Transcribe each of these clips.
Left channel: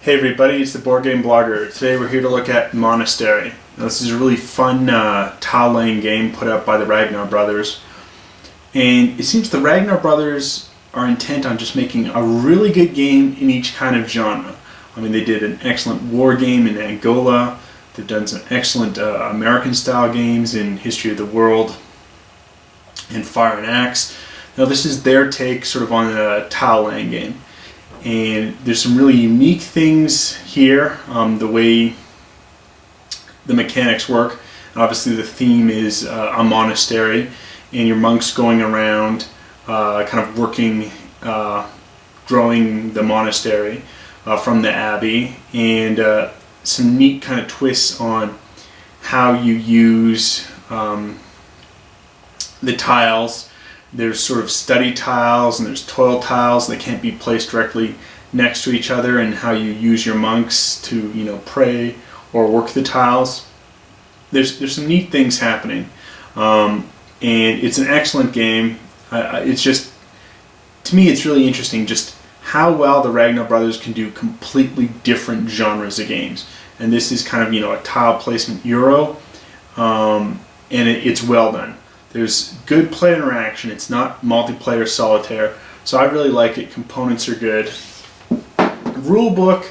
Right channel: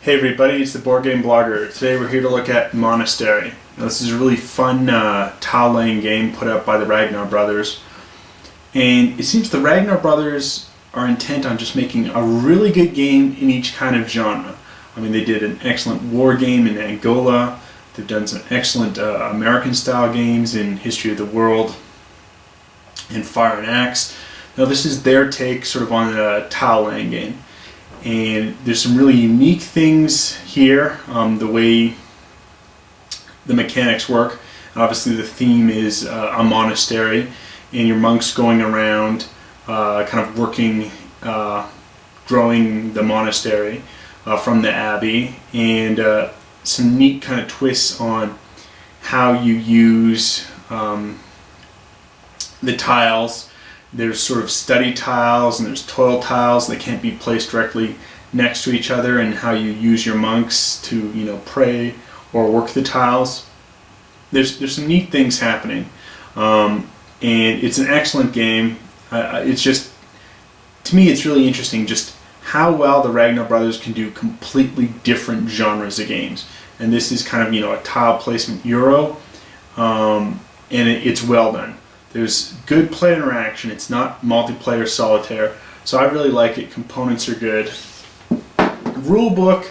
Hey everybody, it's the Board Game Blogger. Today we're here to look at Monastery. Now, this is a really fun tile laying game put out by the Ragnar Brothers. And it seems the Ragnar Brothers are intent on just making a really good game in each kind of genre. I mean, they did an excellent war game in Angola. They've done some excellent American style games in History of the World and Fire and Axe. Now this is their take sort of on a tile laying game. And there's some really unique things here, the way the mechanics work. And obviously the theme is a monastery, and your monks going around kind of working, growing the monastery from the abbey, and some neat kind of twists on how you use the tiles. There's sort of study tiles and there's toil tiles that can't be placed directly next to each other, and how you use your monks to, pray or work the tiles. There's some neat things happening, and it's an excellent game. It's just, to me, it's really interesting just how well the Ragnar Brothers can do completely different genres of games. And this is kind of a tile placement Euro, and it's well done. There's good player interaction. It's not multiplayer solitaire, so I really like it. Components are good. The rule book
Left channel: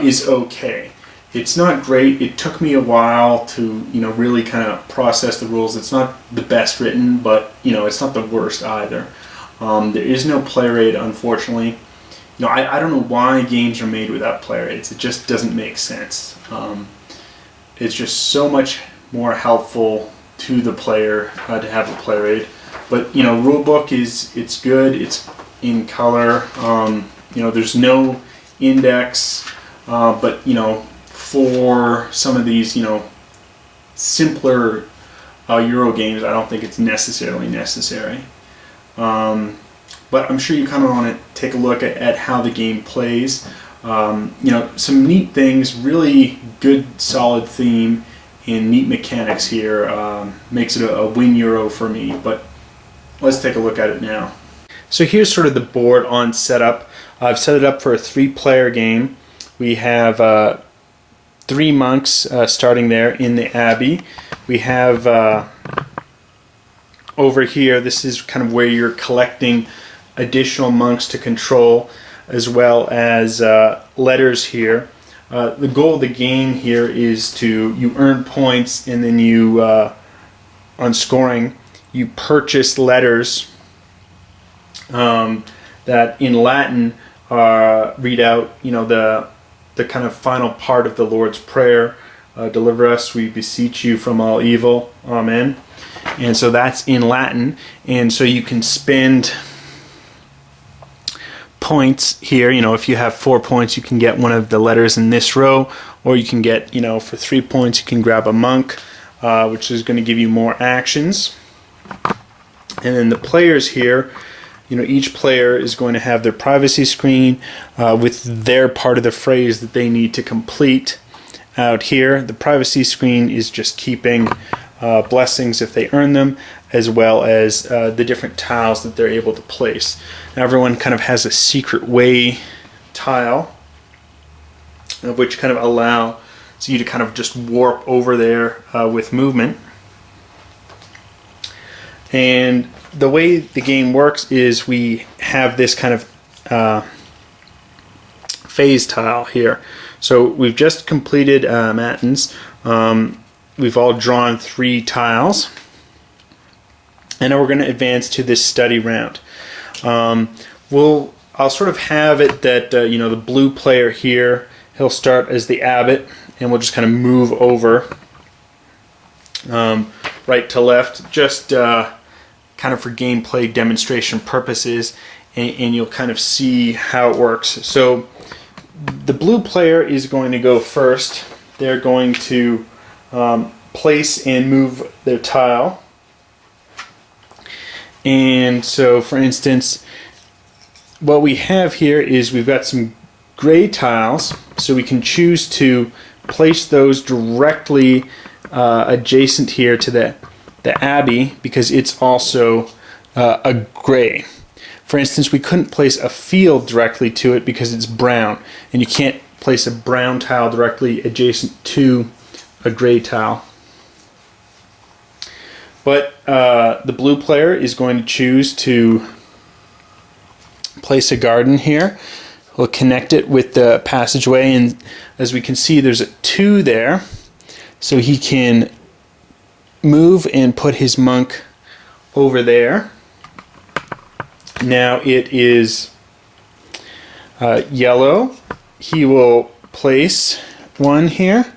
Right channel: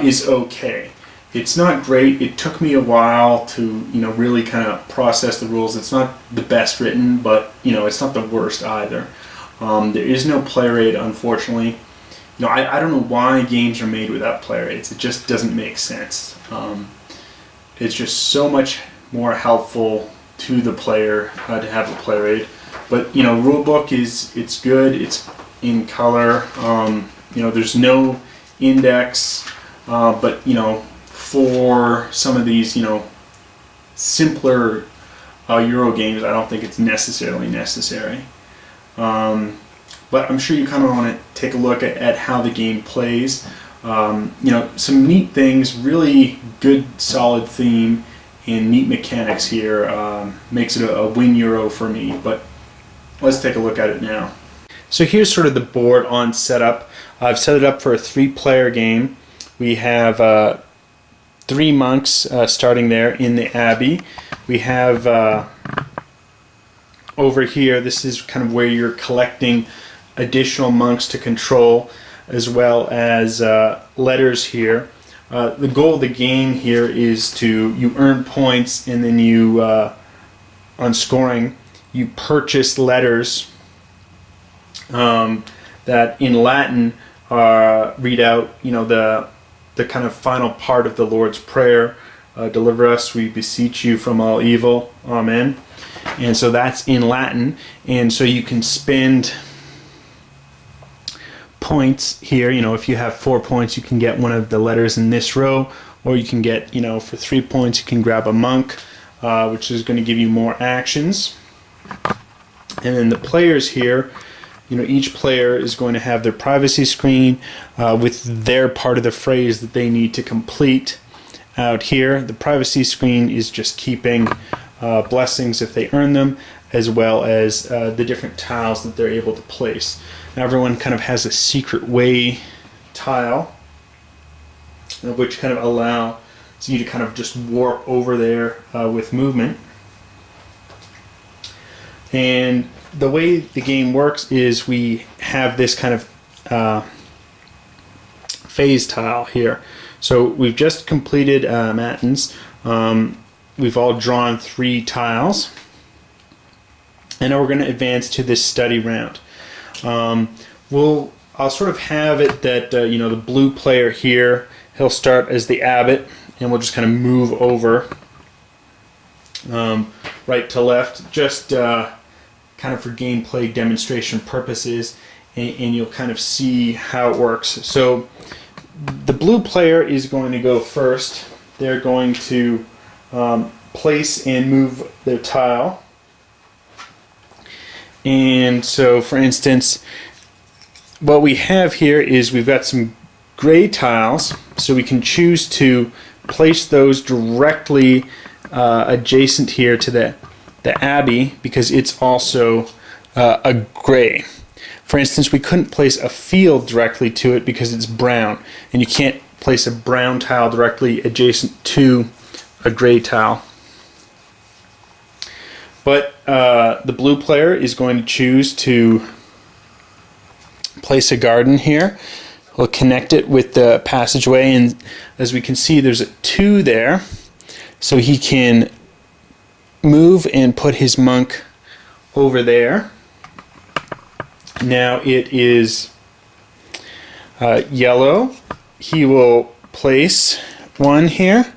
is okay. It's not great. It took me a while to really kind of process the rules. It's not the best written, but it's not the worst either. There is no player aid, unfortunately. I don't know why games are made without player aids. It just doesn't make sense. It's just so much more helpful to the player to have a player aid. But rule book it's good. It's in color. There's no index, but for some of these simpler Euro games, I don't think it's necessarily necessary. But I'm sure you kind of want to take a look at how the game plays. Some neat things, really good solid theme and neat mechanics here makes it a win Euro for me. But let's take a look at it now. So here's sort of the board on setup. I've set it up for a 3-player game. We have 3 monks starting there in the abbey. We have over here, this is kind of where you're collecting additional monks to control, as well as letters here. The goal of the game here is you earn points, and then you, on scoring, you purchase letters that in Latin read out, the kind of final part of the Lord's Prayer. Deliver us, we beseech you, from all evil. Amen. And so that's in Latin, and so you can spend points here. If you have 4 points, you can get one of the letters in this row, or you can get, for 3 points, you can grab a monk, which is going to give you more actions. And then the players here, each player is going to have their privacy screen with their part of the phrase that they need to complete out here. The privacy screen is just keeping blessings if they earn them, as well as the different tiles that they're able to place. Now everyone kind of has a secret way tile, which kind of allows you to kind of just warp over there with movement. And the way the game works is we have this kind of phase tile here. So we've just completed matins. We've all drawn 3 tiles, and now we're going to advance to this study round. I'll sort of have it that the blue player here, he'll start as the Abbot, and we'll just kind of move over right to left, just kind of for gameplay demonstration purposes, and you'll kind of see how it works. So the blue player is going to go first. They're going to place and move their tile. And so, for instance, what we have here is we've got some gray tiles, so we can choose to place those directly adjacent here to the abbey, because it's also a gray. For instance, we couldn't place a field directly to it because it's brown, and you can't place a brown tile directly adjacent to a gray tile. But the blue player is going to choose to place a garden here. We'll connect it with the passageway, and as we can see, there's a 2 there, so he can move and put his monk over there. Now it is yellow. He will place one here.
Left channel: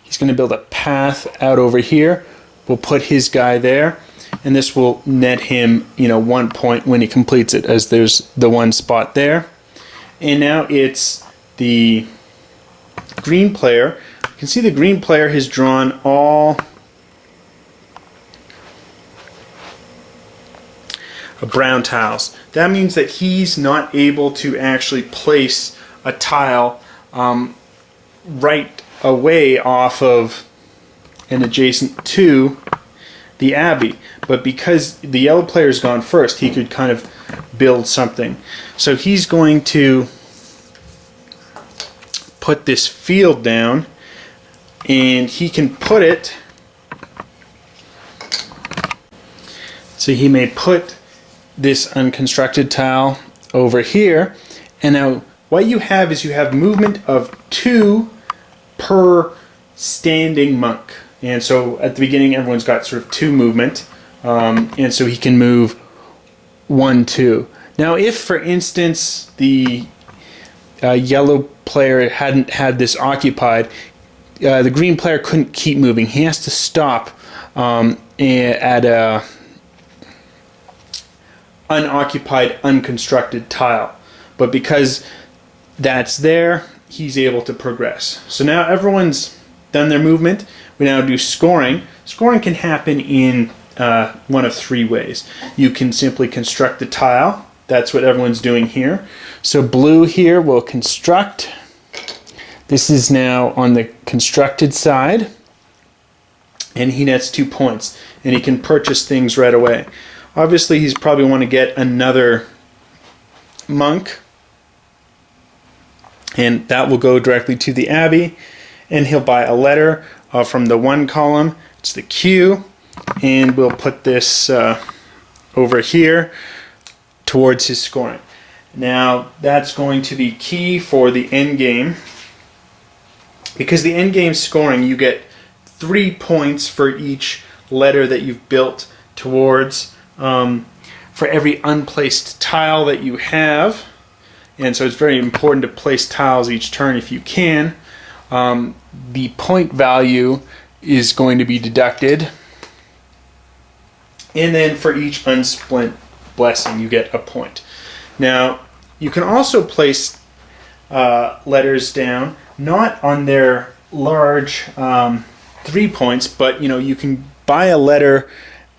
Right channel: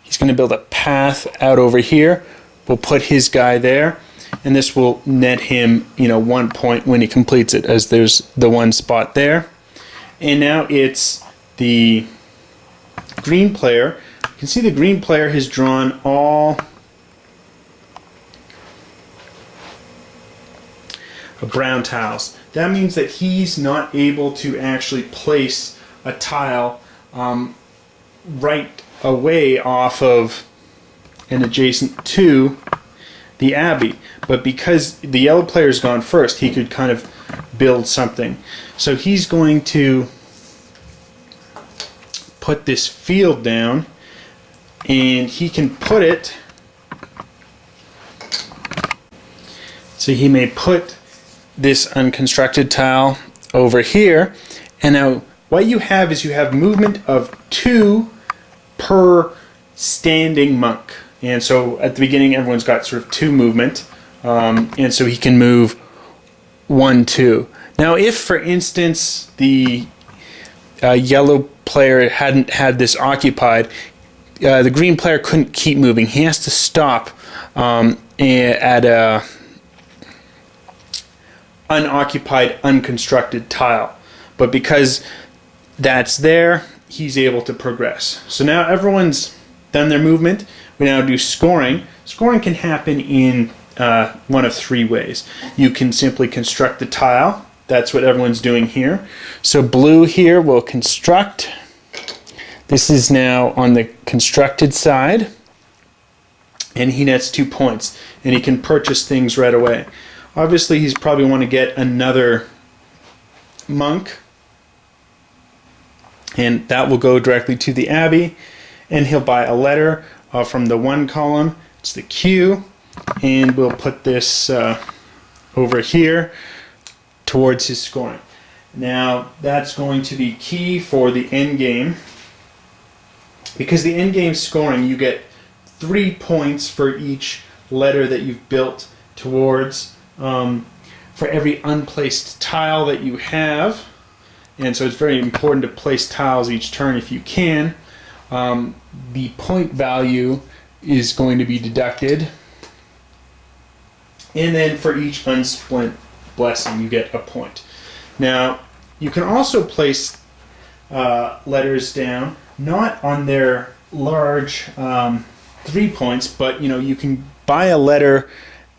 He's going to build a path out over here. We'll put his guy there, and this will net him, 1 point when he completes it, as there's the one spot there. And now it's the green player. You can see the green player has drawn all brown tiles. That means that he's not able to actually place a tile right away off of and adjacent to the Abbey. But because the yellow player's gone first, he could kind of build something. So he's going to put this field down, and he can put it, so he may put this unconstructed tile over here, and now what you have is you have movement of 2 per standing monk. And so at the beginning everyone's got sort of 2 movement, and so he can move 1, 2. Now if, for instance, the yellow player hadn't had this occupied, the green player couldn't keep moving. He has to stop at a unoccupied, unconstructed tile. But because that's there, he's able to progress. So now everyone's done their movement. We now do scoring. Scoring can happen in one of 3 ways. You can simply construct the tile. That's what everyone's doing here. So blue here will construct. This is now on the constructed side, and he nets 2 points, and he can purchase things right away. Obviously he's probably want to get another monk, and that will go directly to the Abbey, and he'll buy a letter from the 1 column. It's the Q, and we'll put this over here towards his scoring. Now that's going to be key for the end game, because the end game scoring, you get 3 points for each letter that you've built towards, for every unplaced tile that you have. And so it's very important to place tiles each turn if you can. The point value is going to be deducted, and then for each unsplint blessing you get a point. Now you can also place letters down, not on their large 3 points, but you can buy a letter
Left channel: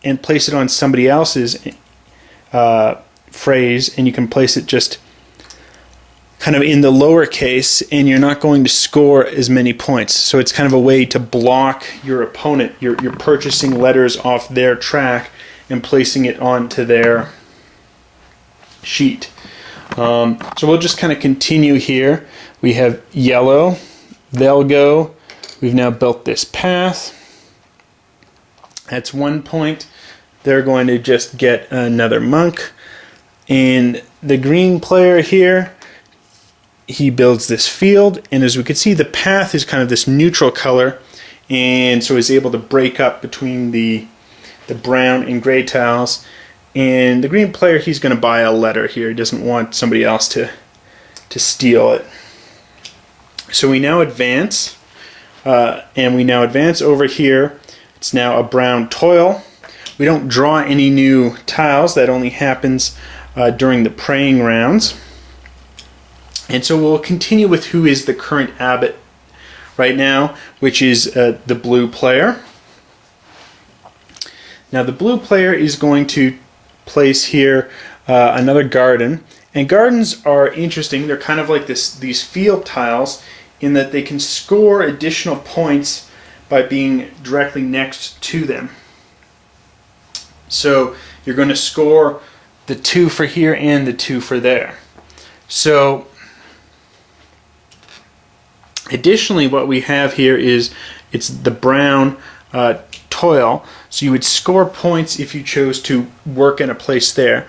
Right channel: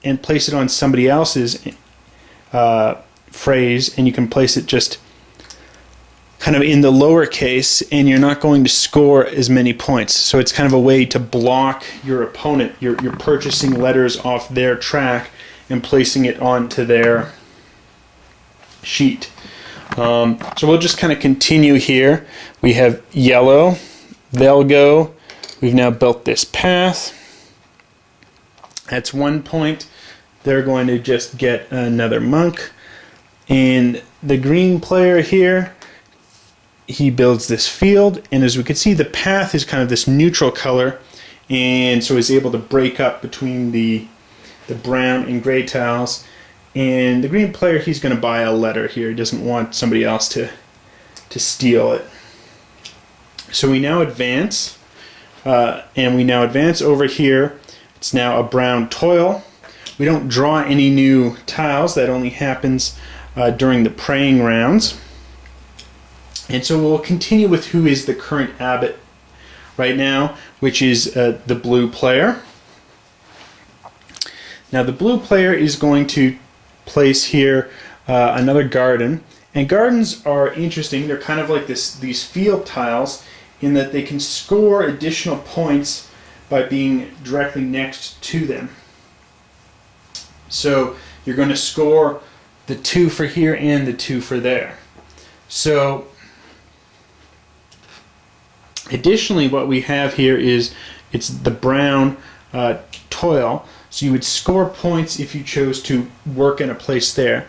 and place it on somebody else's phrase, and you can place it just kind of in the lower case, and you're not going to score as many points. So it's kind of a way to block your opponent. You're purchasing letters off their track and placing it onto their sheet. So we'll just kind of continue here. We have yellow, they'll go. We've now built this path. That's 1 point. They're going to just get another monk. And the green player here, he builds this field, and as we can see, the path is kind of this neutral color, and so he's able to break up between the brown and gray tiles. And the green player, he's going to buy a letter here. He doesn't want somebody else to steal it. So we now advance, and we now advance over here. It's now a brown toil. We don't draw any new tiles. That only happens during the praying rounds. And so we'll continue with who is the current abbot right now, which is the blue player. Now the blue player is going to place here another garden. And gardens are interesting. They're kind of like these field tiles in that they can score additional points by being directly next to them. So you're going to score the 2 for here and the 2 for there. So Additionally, what we have here is it's the brown toil. So you would score points if you chose to work in a place there.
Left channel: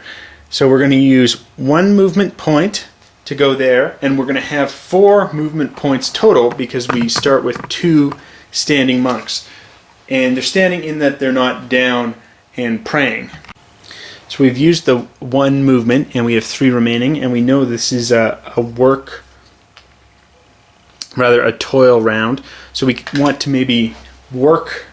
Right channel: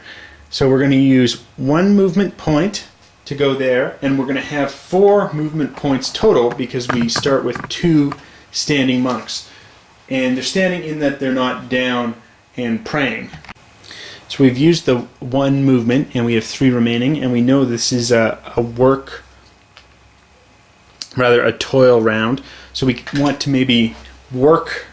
So we're going to use 1 movement point to go there, and we're going to have 4 movement points total because we start with 2 standing monks. And they're standing in that they're not down and praying. So we've used the 1 movement, and we have 3 remaining, and we know this is a toil round. So we want to maybe work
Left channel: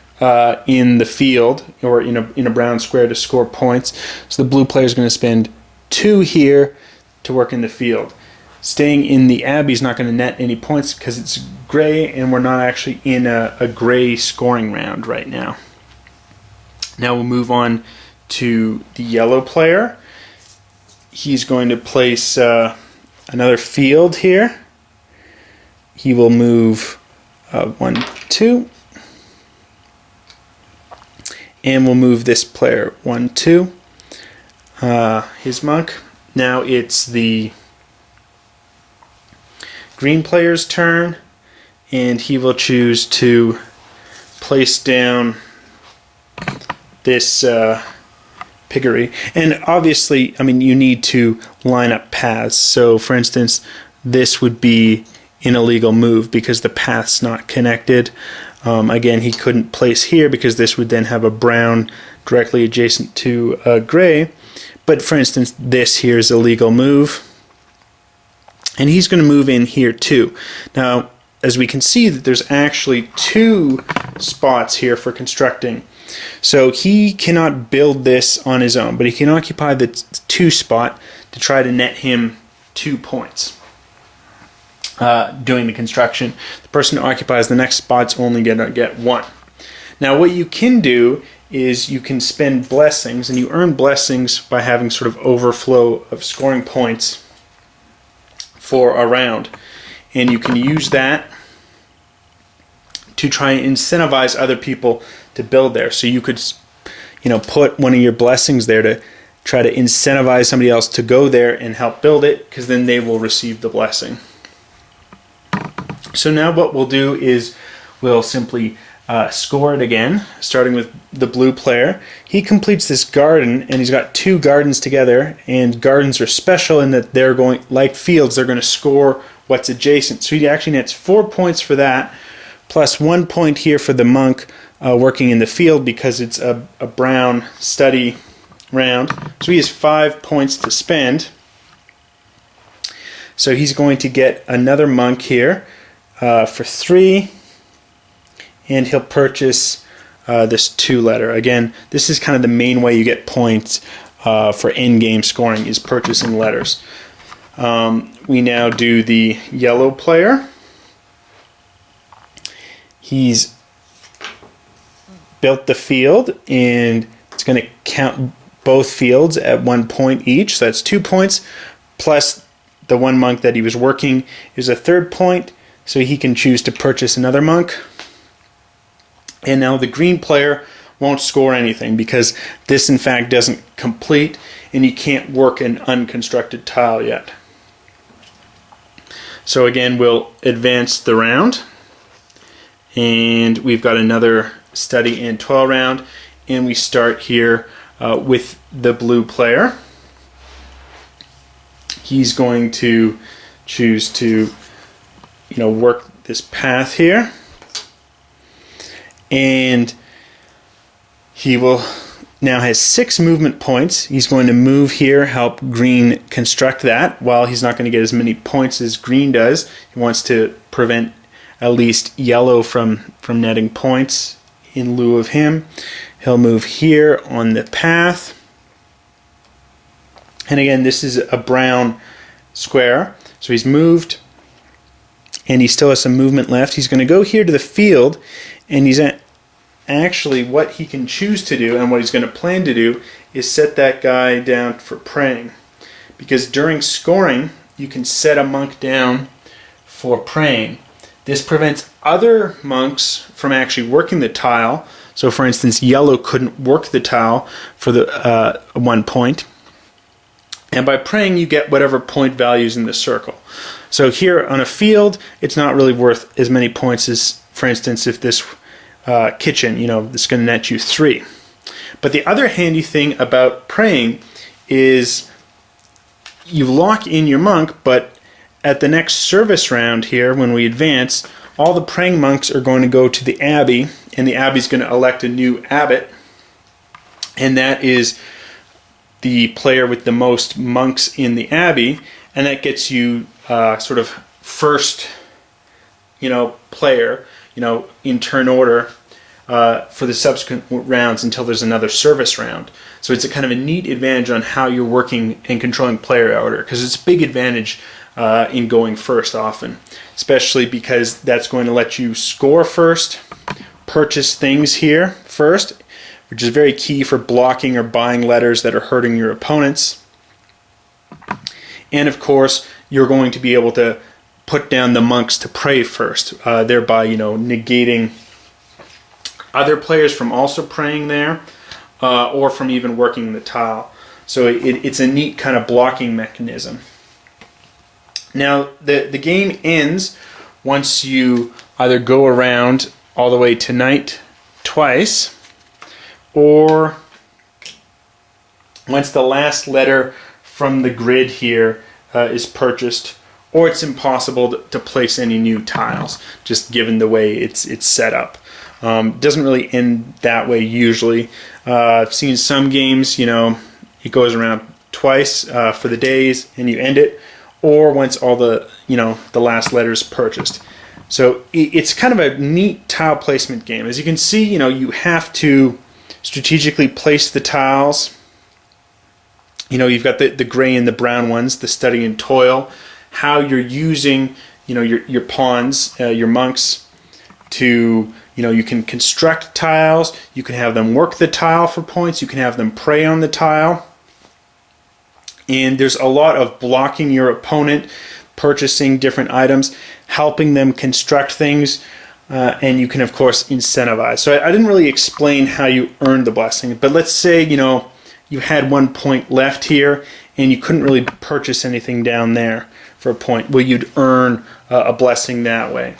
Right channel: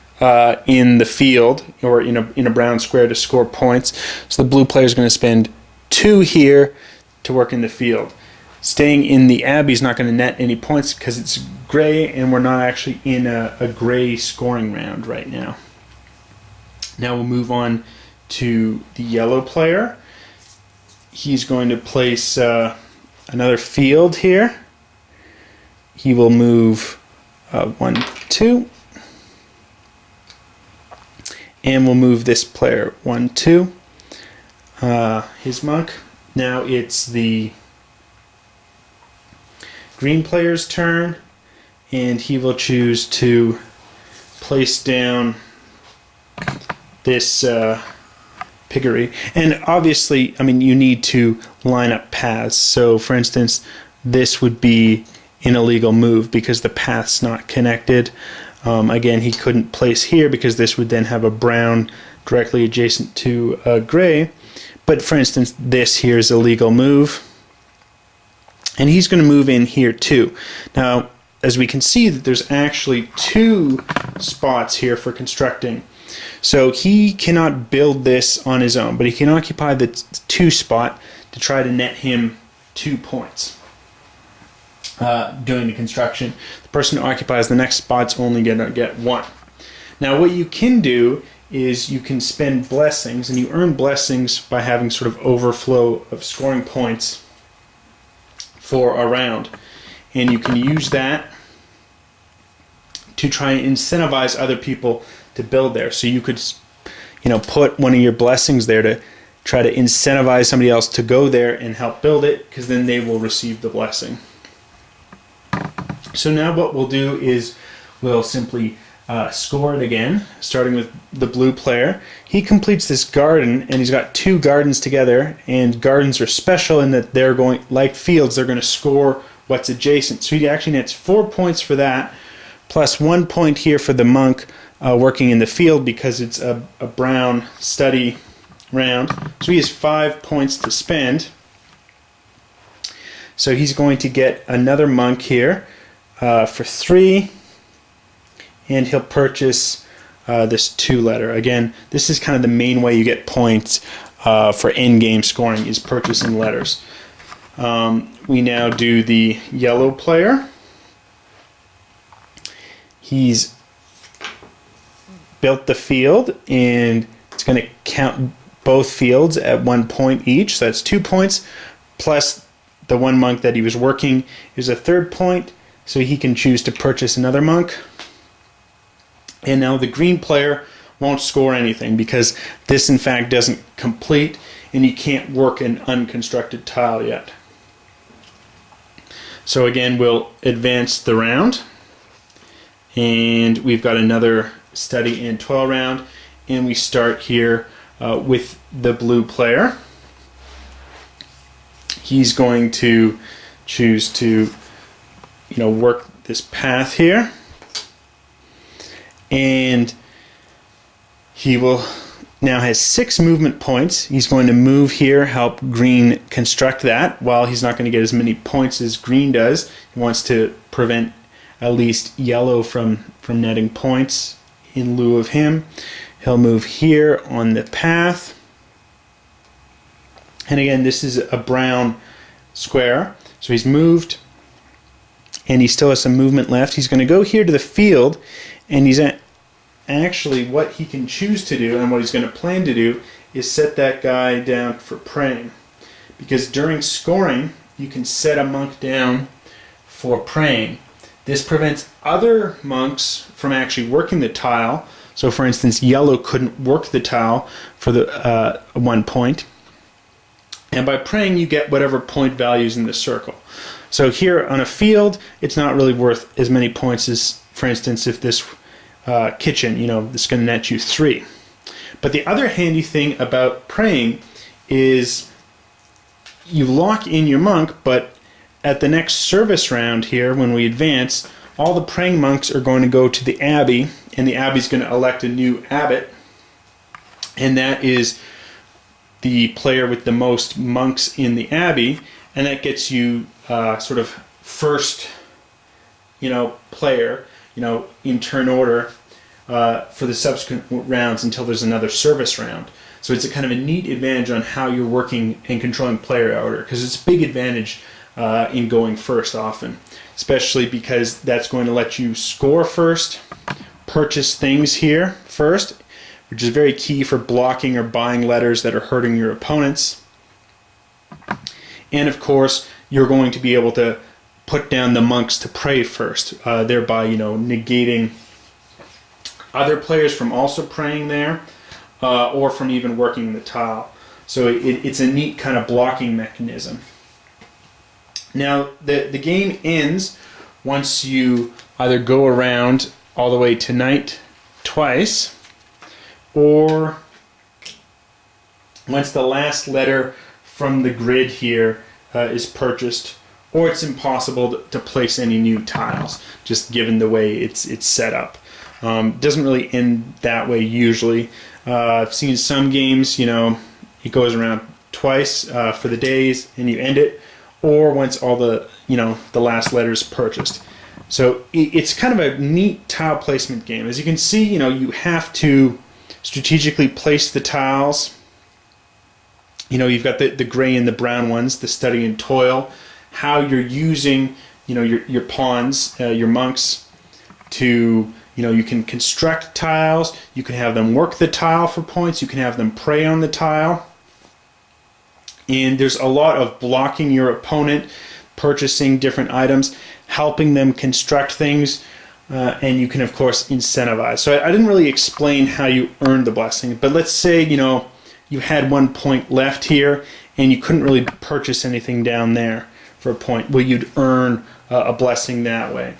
in the field or in a brown square to score points. So the blue player is going to spend 2 here to work in the field. Staying in the abbey is not going to net any points because it's gray, and we're not actually in a gray scoring round right now. Now we'll move on to the yellow player. He's going to place another field here. He will move 1, 2. And we'll move this player 1, 2. His monk. Now it's the green player's turn, and he will choose to place down this piggery. And obviously, I mean, you need to line up paths. So for instance, this would be an illegal move because the path's not connected. Again, he couldn't place here because this would then have a brown directly adjacent to a gray. But for instance, this here is a legal move. And he's going to move in here too. Now, as we can see, that there's actually 2 spots here for constructing. So he cannot build this on his own, but he can occupy the 2 spot to try to net him 2 points. Doing the construction. The person who occupies the next spot's only going to get 1. Now what you can do is you can spend blessings, and you earn blessings by having sort of overflow of scoring points for a round. And you can use that to try and incentivize other people to build there. So you could, put one of your blessings there to try to incentivize somebody else to go there and help build it, because then they will receive the blessing. So now what we'll do is we'll simply score it again, starting with the blue player. He completes this garden, and he's got 2 gardens together, and gardens are special in that they're going, like fields, they're going to score what's adjacent. So he actually nets 4 points for that, plus 1 point here for the monk working in the field because it's a brown study round. So he has 5 points to spend. So he's going to get another monk here for 3, and he'll purchase this 2 letter. Again, this is kind of the main way you get points for in-game scoring, is purchasing letters. We now do the yellow player. He's built the field, and it's going to count both fields at 1 point each. So that's 2 points, plus the 1 monk that he was working is a 3rd point, so he can choose to purchase another monk. And now the green player won't score anything because this in fact doesn't complete, and you can't work an unconstructed tile yet. So again, we'll advance the round, and we've got another study and toil round, and we start here with the blue player. He's going to choose to work this path here, and he will now has 6 movement points. He's going to move here, help green construct that. While he's not going to get as many points as green does, he wants to prevent at least yellow from netting points in lieu of him. He'll move here on the path, and again, this is a brown square, so he's moved, and he still has some movement left. He's going to go here to the field, and he's actually, what he can choose to do and what he's going to plan to do is set that guy down for praying, because during scoring you can set a monk down for praying. This prevents other monks from actually working the tile. So for instance, yellow couldn't work the tile for the 1 point, and by praying you get whatever point values in the circle. So here on a field, it's not really worth as many points as, for instance, if this kitchen, it's going to net you 3. But the other handy thing about praying is you lock in your monk, but at the next service round here, when we advance, all the praying monks are going to go to the abbey, and the abbey's going to elect a new abbot, and that is the player with the most monks in the abbey, and that gets you sort of first, player, in turn order for the subsequent rounds until there's another service round. So it's a kind of a neat advantage on how you're working and controlling player order, because it's a big advantage in going first often, especially because that's going to let you score first, purchase things here first, which is very key for blocking or buying letters that are hurting your opponents. And of course, you're going to be able to put down the monks to pray first, thereby, negating other players from also praying there, or from even working the tile. So it's a neat kind of blocking mechanism. Now, the game ends once you either go around all the way to knight twice, or once the last letter from the grid here is purchased, or it's impossible to place any new tiles, just given the way it's set up. Doesn't really end that way usually. I've seen some games, it goes around twice for the days and you end it, or once all the last letter is purchased. So it's kind of a neat tile placement game. As you can see, you have to strategically place the tiles. You've got the gray and the brown ones, the study and toil, how you're using, your pawns, your monks to, you can construct tiles, you can have them work the tile for points, you can have them prey on the tile. And there's a lot of blocking your opponent, purchasing different items, helping them construct things, and you can, of course, incentivize. So I didn't really explain how you earn the blessing, but let's say, you had 1 point left here, and you couldn't really purchase anything down there for a point. Well, you'd earn a blessing that way.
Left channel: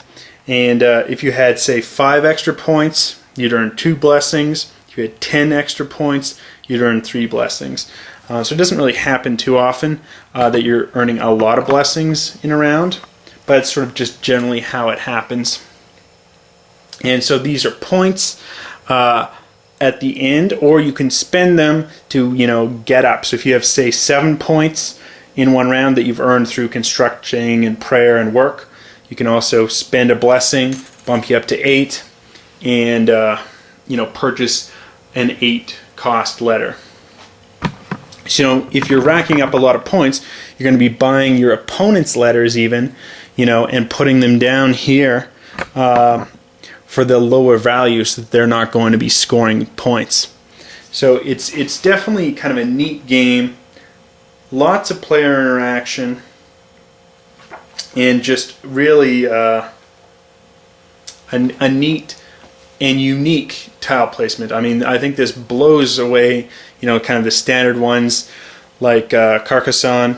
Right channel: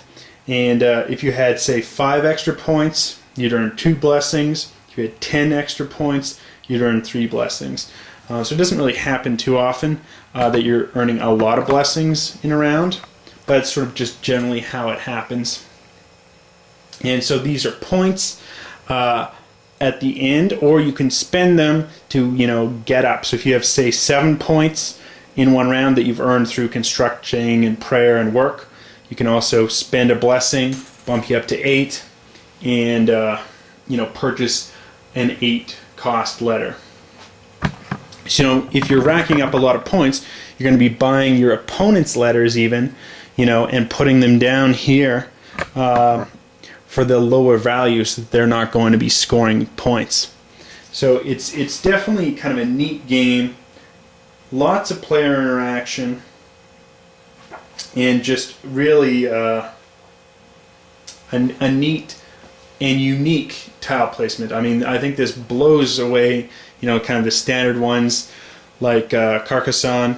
And if you had, say, 5 extra points, you'd earn 2 blessings. If you had 10 extra points, you'd earn 3 blessings. So it doesn't really happen too often that you're earning a lot of blessings in a round, but it's sort of just generally how it happens. And so these are points at the end, or you can spend them to, get up. So if you have, say, 7 points in one round that you've earned through constructing and prayer and work, you can also spend a blessing, bump you up to 8, and purchase an 8 cost letter. So if you're racking up a lot of points, you're going to be buying your opponent's letters even, and putting them down here for the lower values so that they're not going to be scoring points. So it's definitely kind of a neat game, lots of player interaction, and just really a neat and unique tile placement. I mean, I think this blows away, kind of the standard ones like Carcassonne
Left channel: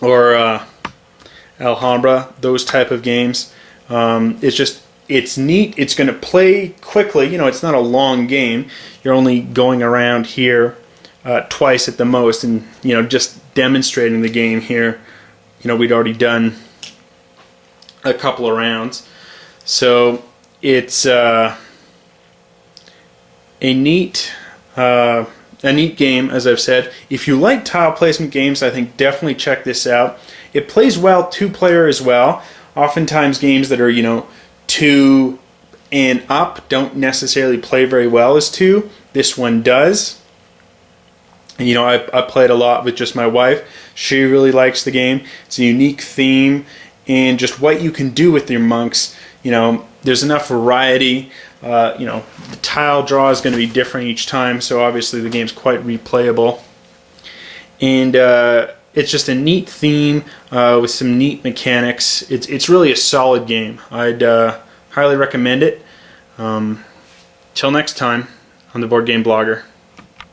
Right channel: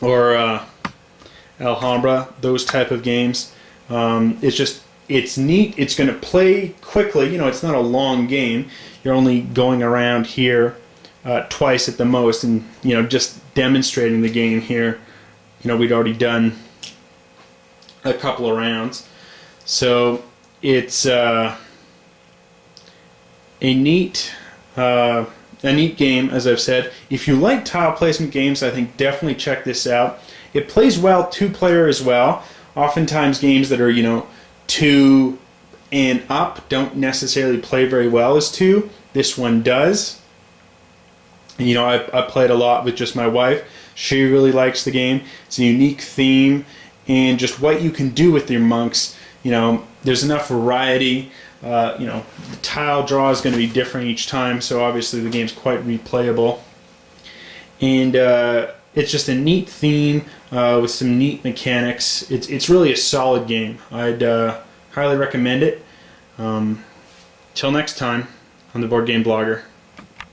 or Alhambra, those type of games. It's neat. It's going to play quickly. It's not a long game. You're only going around here twice at the most, and just demonstrating the game here. We'd already done a couple of rounds, so it's a neat game, as I've said. If you like tile placement games, I think definitely check this out. It plays well 2-player as well. Oftentimes games that are 2 and up don't necessarily play very well as 2. This one does. And, I played a lot with just my wife. She really likes the game. It's a unique theme, and just what you can do with your monks. There's enough variety. The tile draw is going to be different each time, so obviously the game's quite replayable. And it's just a neat theme with some neat mechanics. It's really a solid game. I'd highly recommend it. Till next time on the Board Game Blogger.